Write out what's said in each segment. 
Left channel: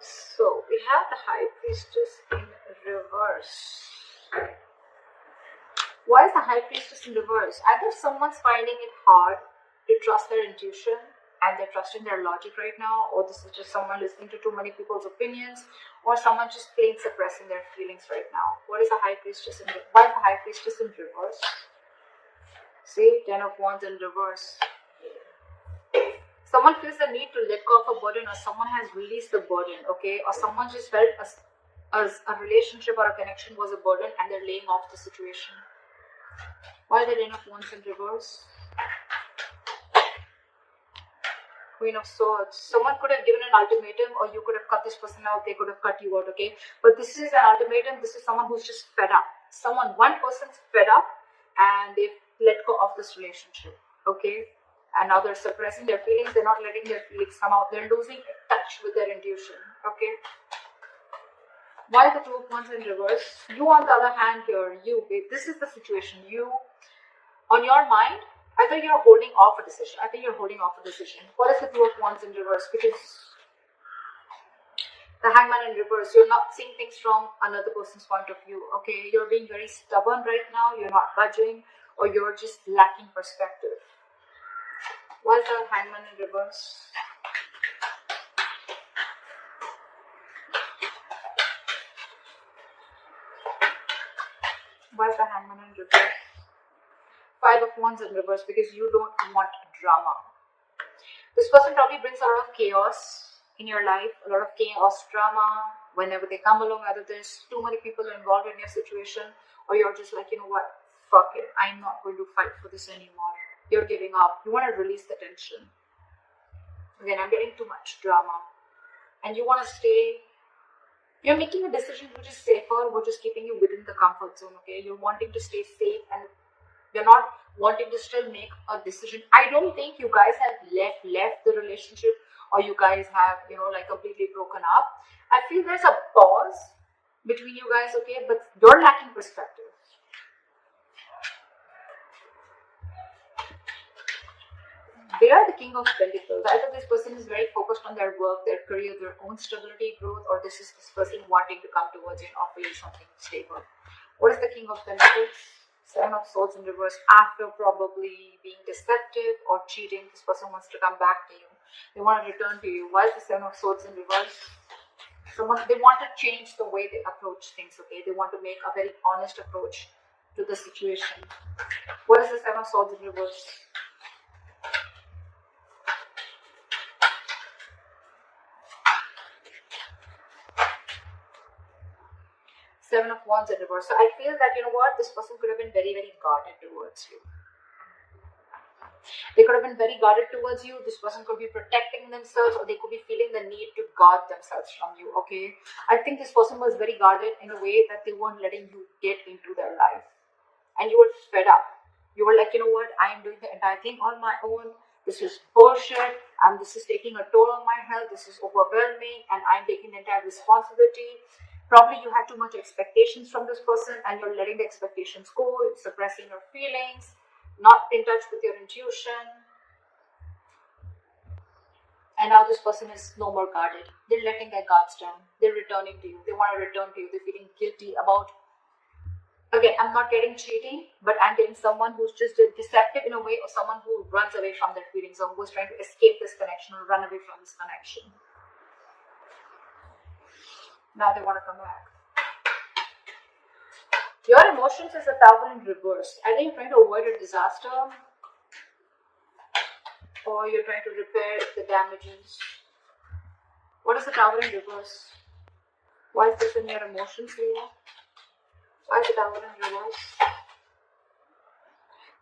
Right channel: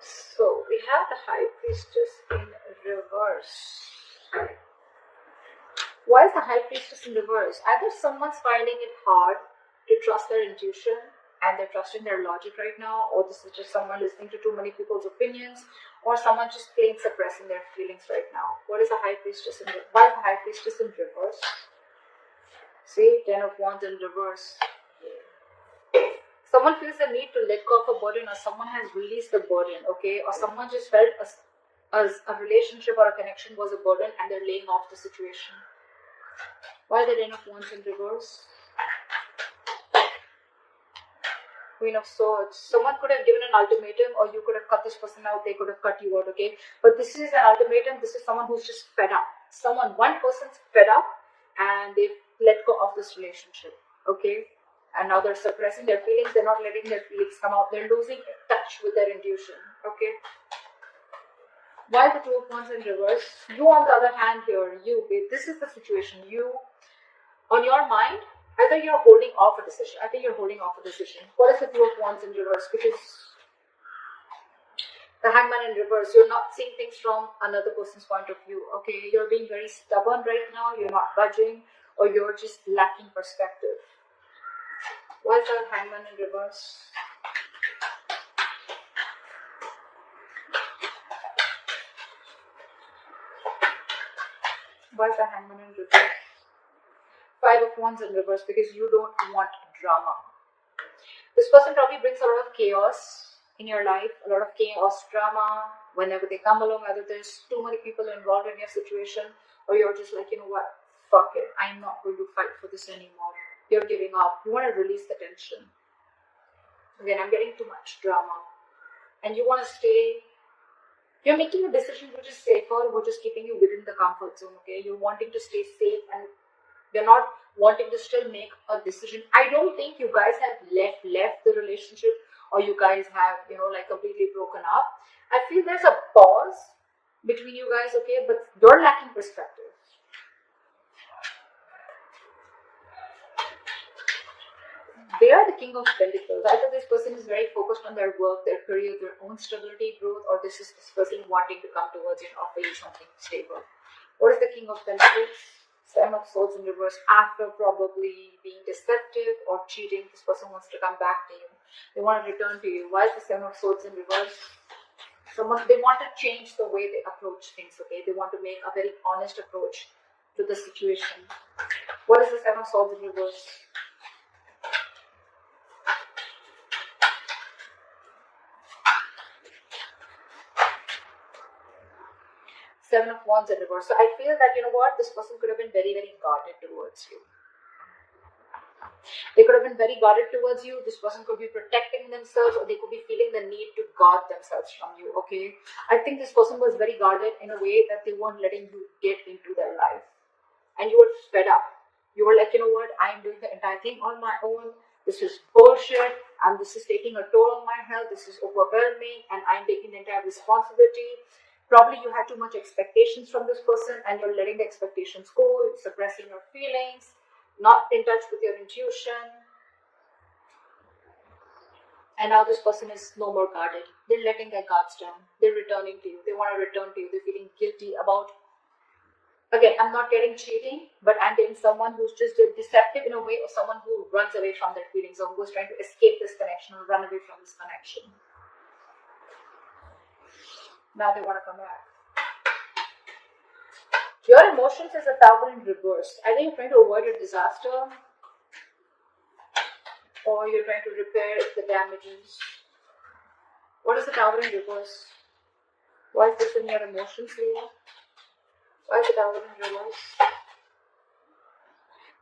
So we have the High Priestess in reverse. Why is the High Priestess in reverse? Either someone's finding it hard to trust their intuition and they're trusting their logic right now, or this is just someone listening to too many people's opinions, or someone just plain suppressing their feelings right now. What is the High Priestess in reverse? Why is the High Priestess in reverse? See, 10 of Wands in reverse. Someone feels the need to let go of a burden, or someone has released the burden, okay? Or someone just felt as a relationship or a connection was a burden and they're laying off the situation. Why the 10 of Wands in reverse? Queen of Swords. Someone could have given an ultimatum, or you could have cut this person out, they could have cut you out, okay? But this is an ultimatum. This is someone who's just fed up. One person's fed up and they've let go of this relationship, okay? And now they're suppressing their feelings. They're not letting their feelings come out. They're losing touch with their intuition, okay? Why the 2 of Wands in reverse? You, on the other hand, here, this is the situation. You, on your mind, either you're holding off a decision. I think you're holding off a decision. What is the 2 of Wands in reverse? Because the Hangman in reverse, you're not seeing things from another person's point of view, okay? You're being very stubborn right now. You're not budging, or you're just lacking perspective. Why is the Hangman in reverse? Why is the Hangman in reverse? 5 of Wands in reverse, because you don't want drama. This person probably brings a lot of chaos in your life, a lot of chaos, drama, whenever they come along, either there's too many people involved in your situation, or you're just like, you know what, fuck it, I'm not going to fight for this anymore. You're giving up. You want to release the tension. Again, I'm getting too much drama. And you want to stay. You're making a decision which is safer, which is keeping you within the comfort zone, okay? You're wanting to stay safe and you're not wanting to still make a decision. I don't think you guys have left the relationship, or you guys have, like completely broken up. I feel there's a pause between you guys, okay? But you're lacking perspective. They are the King of Pentacles. Either this person is very focused on their work, their career, their own stability, growth, or this is this person wanting to come towards you and offer you something stable. What is the King of Pentacles? 7 of Swords in reverse. After probably being deceptive or cheating, this person wants to come back to you. They want to return to you. Why is the 7 of Swords in reverse? They want to change the way they approach things, okay? They want to make a very honest approach to the situation. What is the 7 of Swords in reverse? 7 of Wands in reverse. So I feel that, this person could have been very, very guarded towards you. They could have been very guarded towards you. This person could be protecting themselves, or they could be feeling the need to guard themselves from you, okay? I think this person was very guarded in a way that they weren't letting you get into their life. And you were fed up. You were like, I'm doing the entire thing on my own. This is bullshit, and this is taking a toll on my health. This is overwhelming, and I'm taking the entire responsibility. Probably you had too much expectations from this person, and you're letting the expectations go, suppressing your feelings, not in touch with your intuition. And now this person is no more guarded. They're letting their guards down. They're returning to you. They want to return to you. They're feeling guilty about, again, I'm not getting cheating, but I'm getting someone who's just deceptive in a way, or someone who runs away from their feelings, or who's trying to escape this connection or run away from this connection. Now they want to come back. Your emotions is a Tower in reverse. Either you're trying to avoid a disaster, or you're trying to repair the damages. What is the Tower in reverse? Why is this in your emotions here? Why is the Tower in reverse?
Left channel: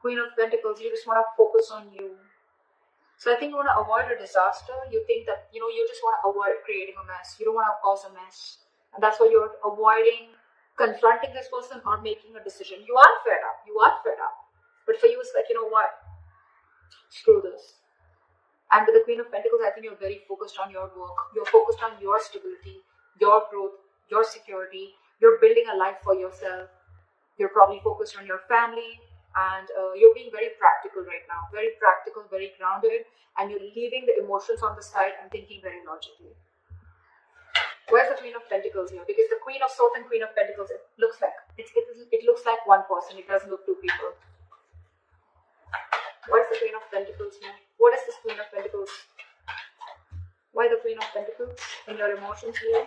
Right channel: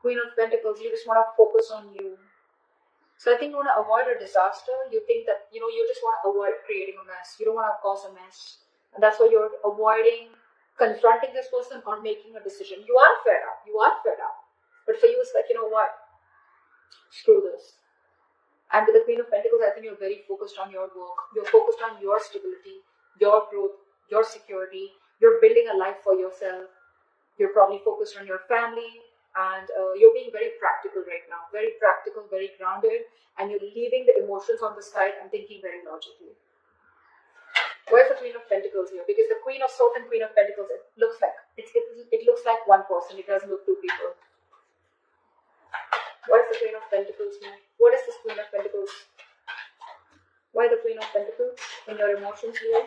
Queen of Pentacles, you just want to focus on you. So I think you want to avoid a disaster. You think that, you just want to avoid creating a mess. You don't want to cause a mess. And that's why you're avoiding confronting this person or making a decision. You are fed up. But for you, it's like, screw this. And with the Queen of Pentacles, I think you're very focused on your work. You're focused on your stability, your growth, your security. You're building a life for yourself. You're probably focused on your family. And you're being very practical right now. Very practical, very grounded. And you're leaving the emotions on the side and thinking very logically. Where's the Queen of Pentacles here? Because the Queen of Swords and Queen of Pentacles, it looks like it looks like one person. It doesn't look two people. What is the Queen of Pentacles here? What is this Queen of Pentacles? Why the Queen of Pentacles in your emotions here?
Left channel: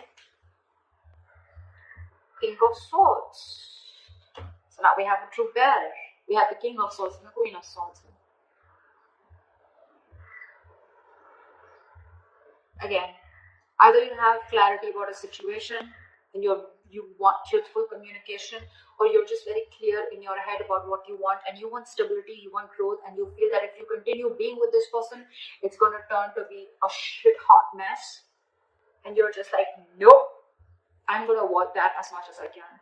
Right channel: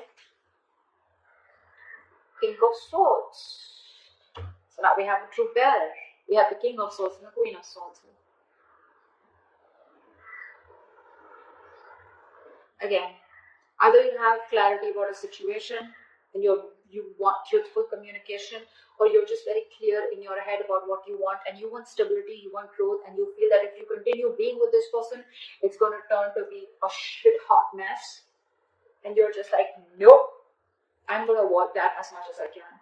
King of Swords. So now we have a true bear. We have the King of Swords and the Queen of Swords. Again, either you have clarity about a situation and you want truthful communication, or you're just very clear in your head about what you want, and you want stability, you want growth, and you feel that if you continue being with this person, it's going to turn to be a shit hot mess. And you're just like, nope, I'm going to avoid that as much as I can.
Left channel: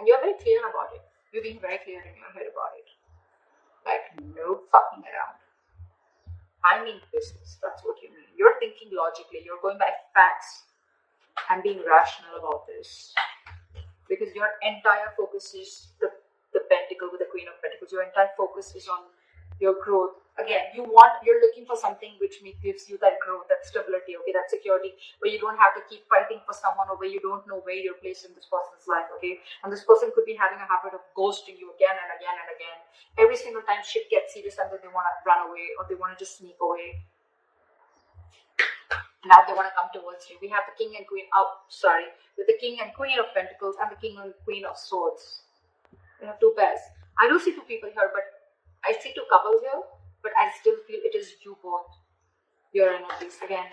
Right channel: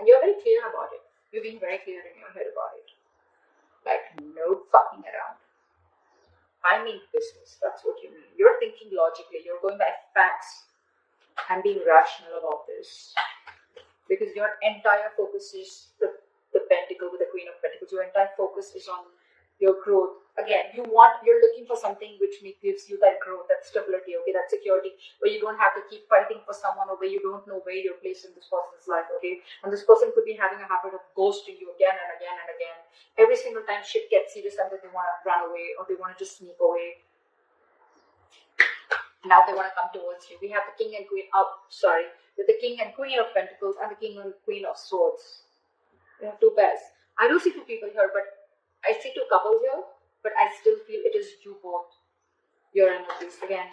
And you're very clear about it. You're being very clear in your head about it. Like, no fucking around. I mean business. That's what you mean. You're thinking logically. You're going by facts and being rational about this. Because your entire focus is the pentacle with the Queen of Pentacles. Your entire focus is on your growth. Again, you're looking for something which gives you that growth, that stability, okay, that security, where you don't have to keep fighting for someone, or where you don't know where you're placed in this person's life, okay? And this person could be having a habit of ghosting you again and again and again. Every single time shit gets serious, and then they want to run away, or they want to just sneak away. Now they want to come towards you. We have the King and Queen with the King and Queen of Pentacles and the King and Queen of Swords. We have two pairs. I don't see two people here, but I see two couples here, but I still feel it is you both. Your energies. Again,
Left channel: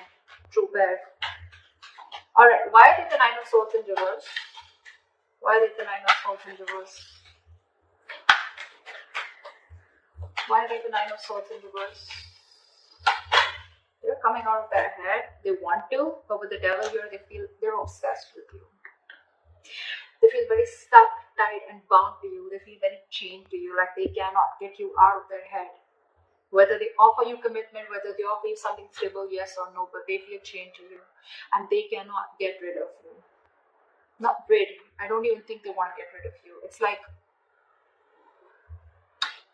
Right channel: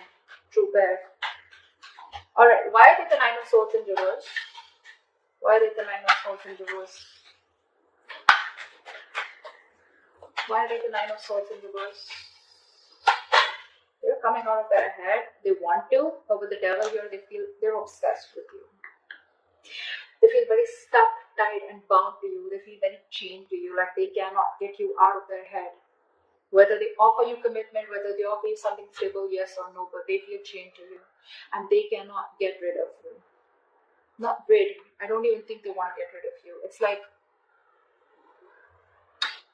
true pair. Alright, why did the Nine of Swords in reverse? Why did the Nine of Swords in reverse? Why did the Nine of Swords in reverse? They're coming out of their head. They want to, but with the devil here, they feel they're obsessed with you. They feel very stuck, tied, and bound to you. They feel very chained to you, like they cannot get you out of their head. Whether they offer you commitment, whether they offer you something stable, yes or no, but they feel chained to you. And they cannot get rid of you. Not rid. I don't even think they want to get rid of you. It's like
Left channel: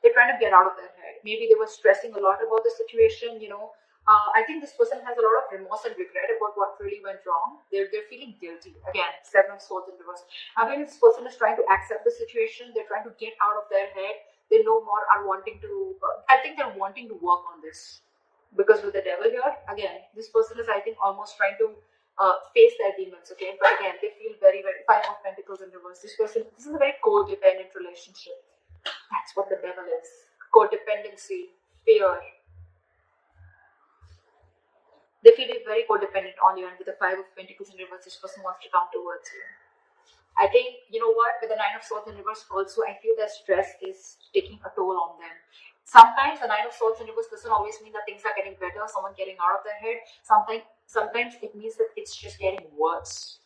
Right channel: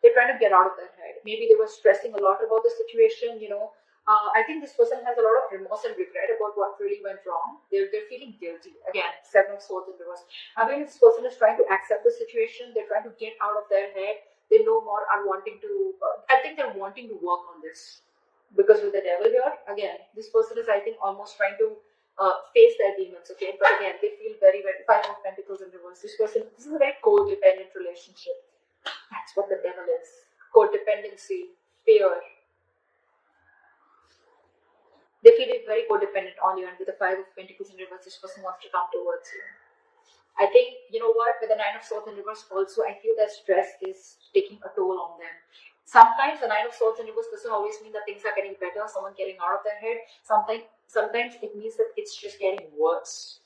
they're trying to get out of their head. Maybe they were stressing a lot about the situation, you know. I think this person has a lot of remorse and regret about what really went wrong. They're feeling guilty. Again, Seven of Swords in reverse. I think this person is trying to accept the situation. They're trying to get out of their head. They no more are wanting to, I think they're wanting to work on this. Because with the devil here, again, this person is, I think, almost trying to face their demons, okay? But again, they feel very, very, Five of Pentacles in reverse. This is a very codependent relationship. That's what the devil is. Codependency, fear. They feel very codependent on you, and with the Five of Pentacles in reverse, this person wants to come towards you. I think, you know what, with the Nine of Swords in reverse also, I feel that stress is taking a toll on them. Sometimes the Nine of Swords in reverse doesn't always mean that things are getting better, someone getting out of their head. Sometimes it means that it's just getting worse.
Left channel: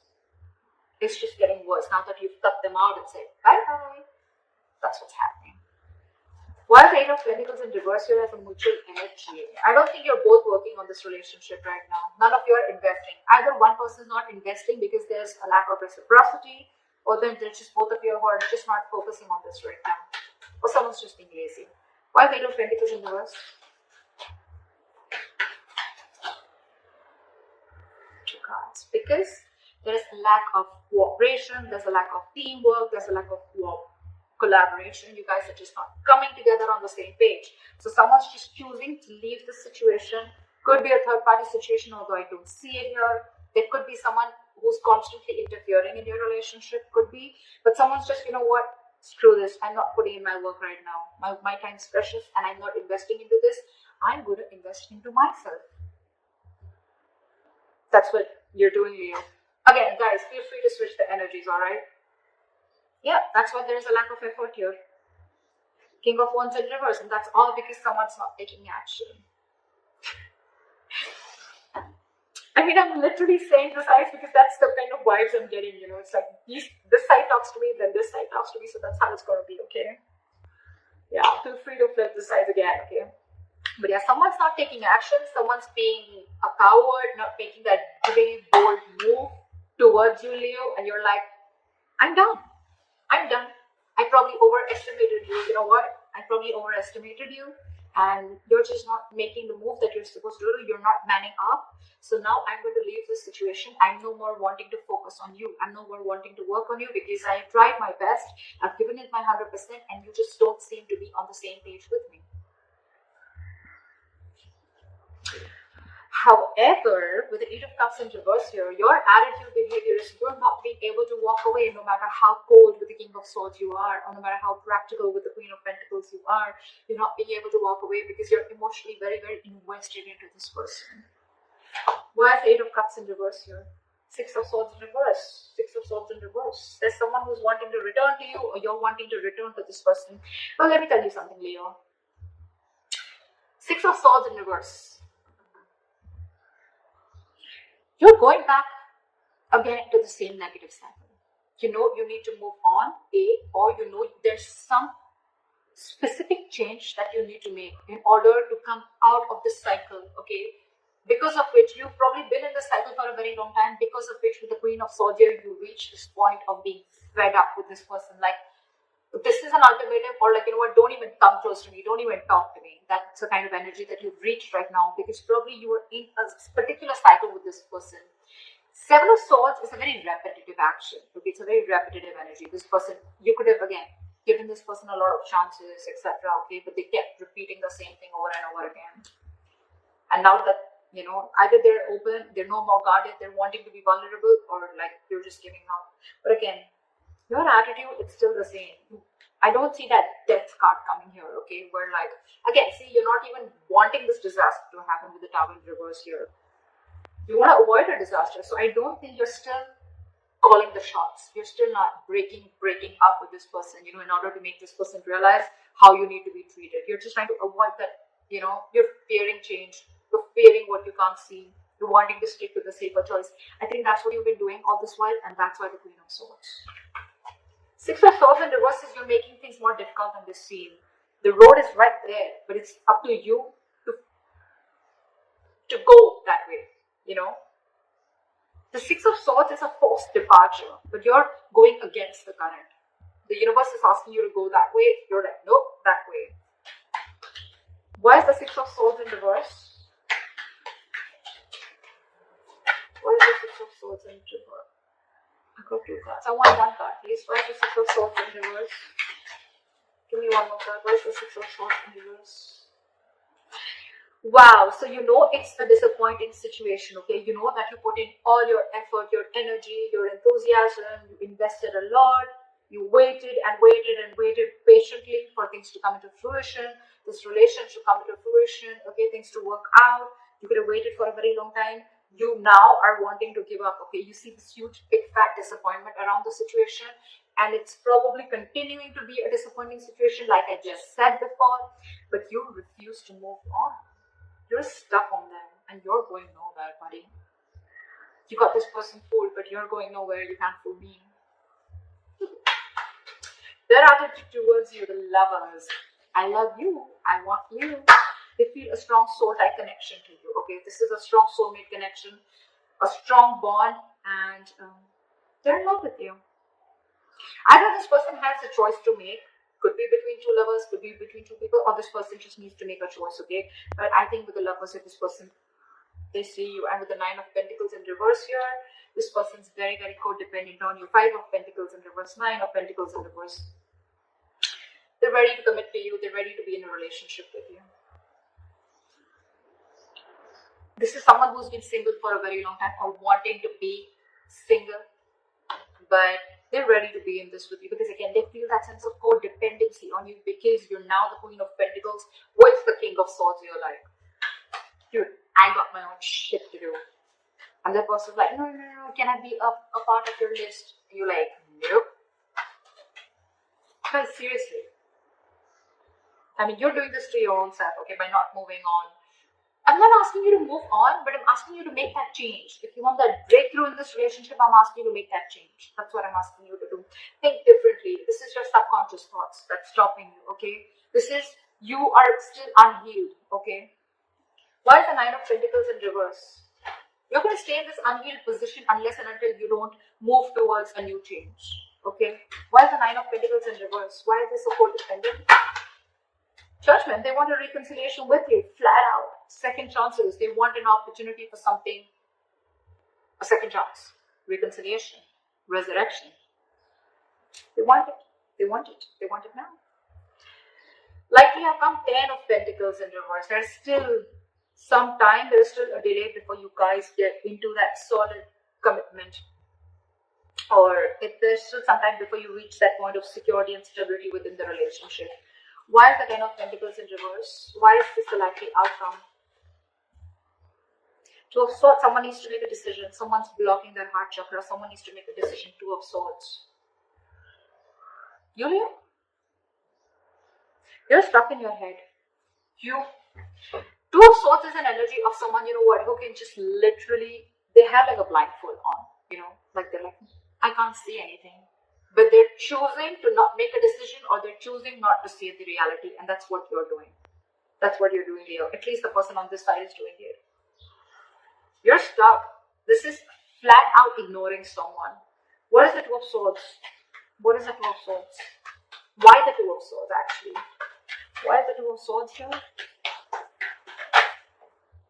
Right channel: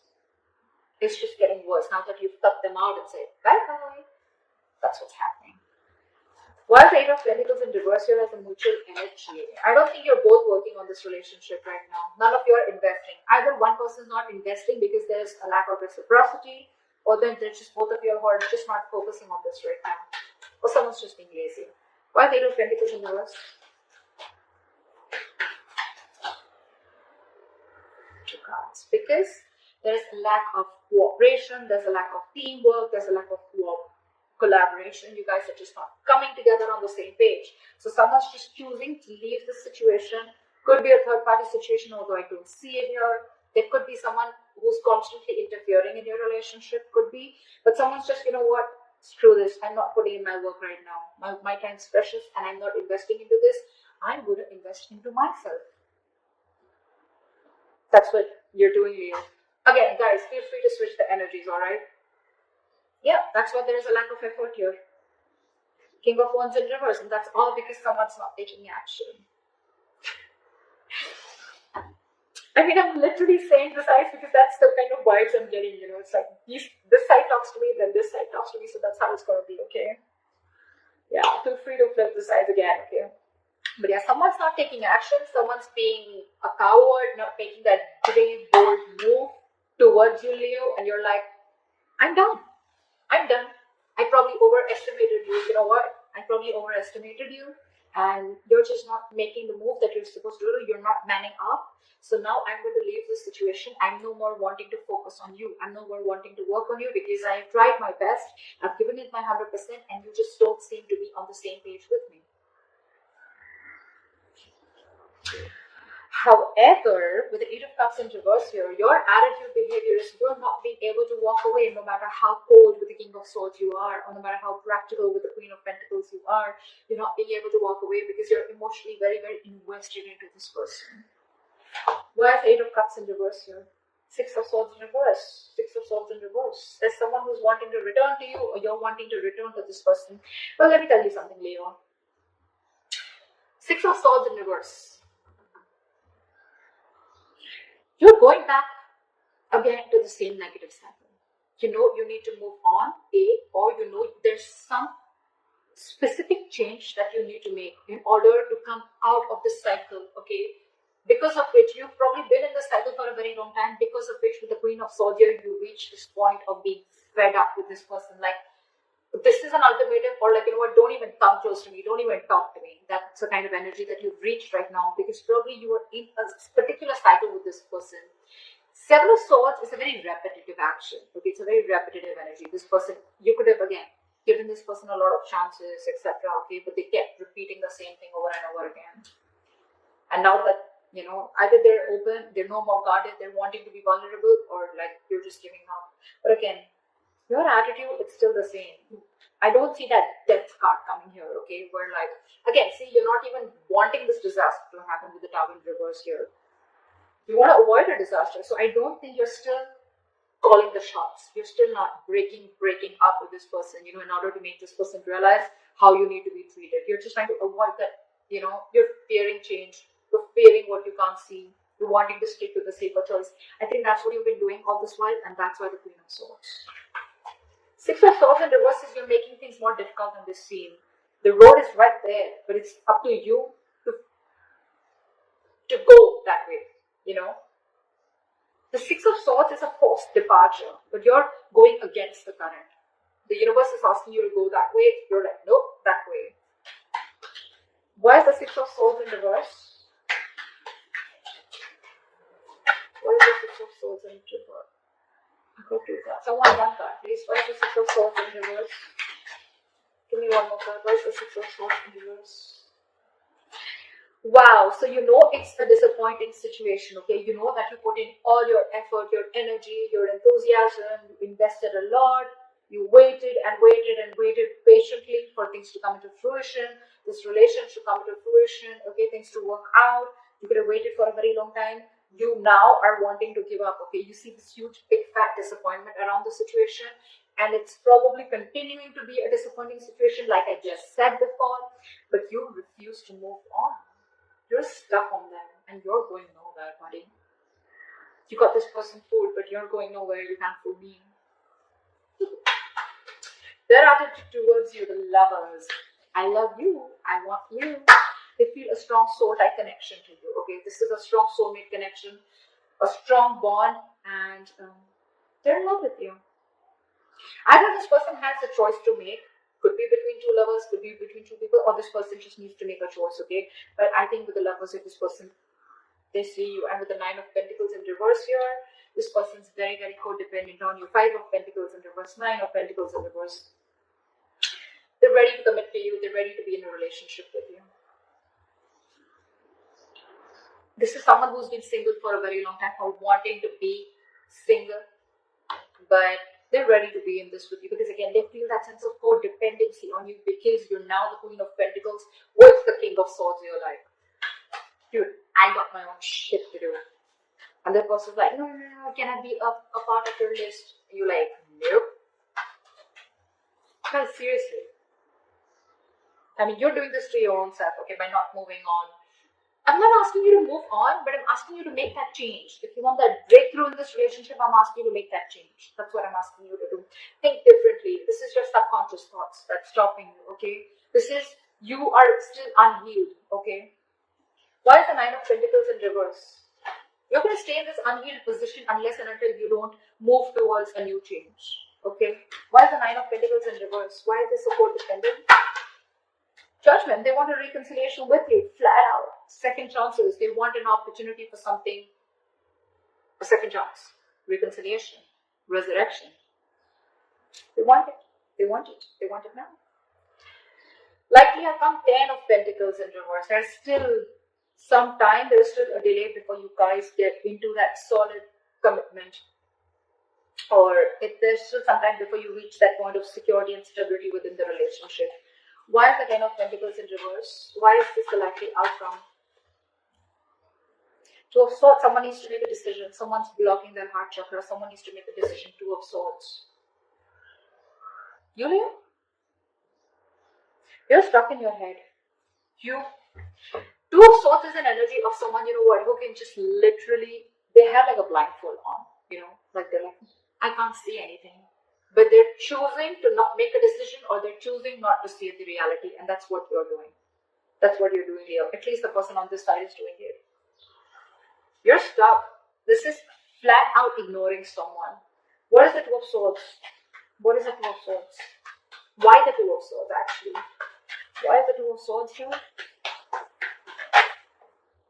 It's just getting worse now that you've tucked them out and said, bye-bye. That's what's happening. Why the Eight of Pentacles in reverse here as a mutual energy? I don't think you're both working on this relationship right now. None of you are investing. Either one person is not investing because there's a lack of reciprocity, or then there's just both of you who are just not focusing on this right now. Or someone's just being lazy. Why the Eight of Pentacles in reverse? Two cards. Because there's a lack of cooperation, there's a lack of teamwork, there's a lack of collaboration. You guys are just not coming together on the same page. So someone's just choosing to leave the situation. Could be a third party situation, although I don't see it here. There could be someone who's constantly interfering in your relationship, could be. But someone's just, you know what, screw this. I'm not putting in my work right now. My time's precious and I'm not investing into this. I'm going to invest into myself. That's what you're doing, Leo. Again, guys, feel free to switch the energies, alright? Yeah, that's why there is a lack of effort here. King of Wands in reverse, and that's all because someone's not taking action. I mean, I'm literally saying this eyes because that's the kind of vibes I'm getting, you know. It's like this side talks to me, then this side talks to me, so that's how it's going to be, okay? Yeah, feel free to flip the sides again, okay? But yeah, someone's not taking action, someone's being a coward, not making that brave, bold move towards you, Leo, and you're like, I'm done. I probably overestimated you. You know what? I probably overestimated you. and you're just not making the move that you're supposed to do. You're not manning up. So now I'm going to leave this situation. I'm no more wanting to focus on you. I'm no more wanting to work on you because I tried my best. I've given it my 100% and you just don't seem to be on the same page with me. However, with the Eight of Cups in reverse here, your attitude, behavior is you're not being able to walk away no matter how cold with the King of Swords you are, or no matter how practical with the Queen of Pentacles you are. You're not being able to walk away because you're emotionally very, very invested into this person. Why is Eight of Cups in reverse here? Six of Swords in reverse. Six of Swords in reverse. There's someone who's wanting to return to you, or you're wanting to return to this person. Well, let me tell you something, Leo. Six of Swords in reverse. You're going back again to the same negative cycle. You know you need to move on, or you know there's some specific change that you need to make in order to come out of this cycle, okay? Because of which you've probably been in the cycle for a very long time, because of which with the Queen of Swords here, you reach this point of being fed up with this person. Like, this is an ultimatum, or like, you know what, don't even come close to me, don't even talk to me. That's the kind of energy that you've reached right now, because probably you are in a particular cycle with this person. Seven of Swords is a very repetitive action, okay? It's a very repetitive energy. This person, you could have, again, given this person a lot of chances, etc., okay, but they kept repeating the same thing over and over again. And now that, you know, either they're open, they're no more guarded, they're wanting to be vulnerable, or like you're just giving up. But again, your attitude, it's still the same. I don't see that death card coming here, okay? Where like, again, see, you're not even wanting this disaster to happen with the Tower in reverse here. You want to avoid a disaster. So I don't think you're still calling the shots. You're still not breaking up with this person, you know, in order to make this person realize how you need to be treated. You're just trying to avoid that, you know, you're fearing change. You're fearing what you can't see. You're wanting to stick with the safer choice. I think that's what you've been doing all this while, and that's why the Queen of Swords. Six of Swords in reverse is you're making things more difficult on this scene. The road is right there, but it's up to you to go that way, you know. The Six of Swords is a forced departure, but you're going against the current. The universe is asking you to go that way. You're like, nope, that way. Why is the Six of Swords in reverse? Why is the Six of Swords in reverse? I could do that. I want that card, please. Why is the Six of Swords in reverse? Give me one more card. Why is the Six of Swords in reverse? Wow, so you know it's a disappointing situation, okay? You know that you put in all your effort, your energy, your enthusiasm, you invested a lot, you waited and waited and waited patiently for things to come into fruition, this relationship to come into fruition, okay, things to work out. You could have waited for a very long time. You now are wanting to give up, okay? You see this huge, big, fat disappointment around the situation, and it's probably continuing to be a disappointing situation, like I just said before, but you refuse to move on. You're stuck on them, and you're going nowhere, buddy. You got this person fooled, but you're going nowhere. You can't fool me. Their attitude towards you, the lovers. I love you. I want you. They feel a strong soul-like connection to you. Okay, this is a strong soulmate connection, a strong bond, and they're in love with you. Either this person has a choice to make. Could be between two lovers, could be between two people, or this person just needs to make a choice, okay? But I think with the lovers of this person, they see you. And with the Nine of Pentacles in reverse here, this person's very, very codependent on you. Five of Pentacles in reverse, Nine of Pentacles in reverse. They're ready to commit to you. They're ready to be in a relationship with you. This is someone who's been single for a very long time or wanting to be single, but they're ready to be in this with you because again they feel that sense of codependency on you because you're now the Queen of Pentacles with the King of Swords. You're like, dude, I got my own shit to do, and that person's like, no, can I be a part of your list? You're like, nope. Guys, seriously, I mean, you're doing this to your own self, okay, by not moving on. I'm not asking you to move on, but I'm asking you to make that change. If you want that breakthrough in this relationship, I'm asking you to make that change. That's what I'm asking you to do. Think differently. This is your subconscious thoughts that's stopping you, okay? This is, you are still unhealed, okay? Why is the Nine of Pentacles in reverse? You're going to stay in this unhealed position unless and until you don't move towards a new change, okay? Why is the Nine of Pentacles in reverse? Why is this so codependent? Judgment, they want a reconciliation with you, flat out. Second chances, they want an opportunity for something, a second chance, reconciliation, resurrection. They want it, they want it, they want it now. Likely have come 10 of Pentacles in reverse. There's still some time, there's still a delay before you guys get into that solid commitment. Or if there's still some time before you reach that point of security and stability within the relationship. Why is the 10 of Pentacles in reverse? Why is this the likely outcome? Two of Swords, someone needs to make a decision. Someone's blocking their heart chakra. Someone needs to make a decision. Two of Swords. Yulia? You're stuck in your head. Two of Swords is an energy of someone, you know what, who can just literally, they have like a blindfold on, you know, like they're like, I can't see anything. But they're choosing to not make a decision, or they're choosing not to see the reality, and that's what you're doing. That's what you're doing here. At least the person on this side is doing it. You're stuck. This is flat out ignoring someone. What is the Two of Swords? What is the Two of Swords? Why the Two of Swords actually? Why is the Two of Swords here?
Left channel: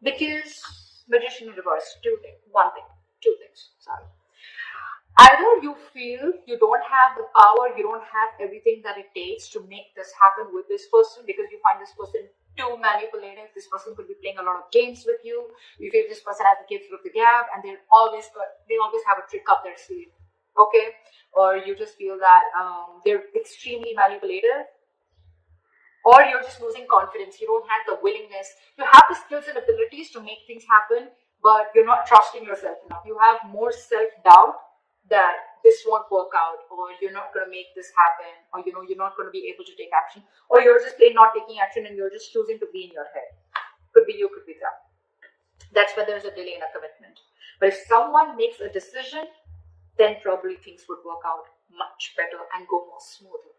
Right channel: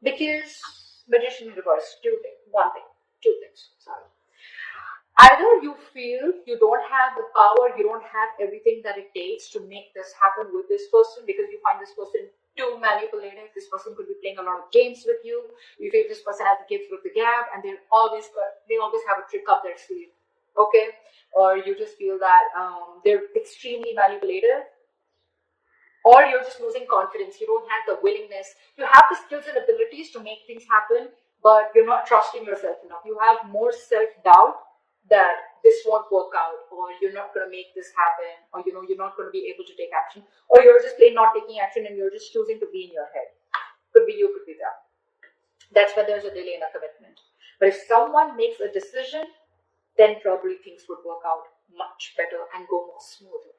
Because Magician in reverse. Two things. Sorry. Either you feel you don't have the power, you don't have everything that it takes to make this happen with this person, because you find this person too manipulative. This person could be playing a lot of games with you. You feel this person has the gift with the gab, and they always have a trick up their sleeve. Okay? Or you just feel that they're extremely manipulative. Or you're just losing confidence. You don't have the willingness. You have the skills and abilities to make things happen, but you're not trusting yourself enough. You have more self-doubt that this won't work out, or you're not going to make this happen, or you know, you're not going to be able to take action, or you're just plain not taking action and you're just choosing to be in your head. Could be you, could be them. That's where there's a delay in a commitment. But if someone makes a decision, then probably things would work out much better and go more smoothly.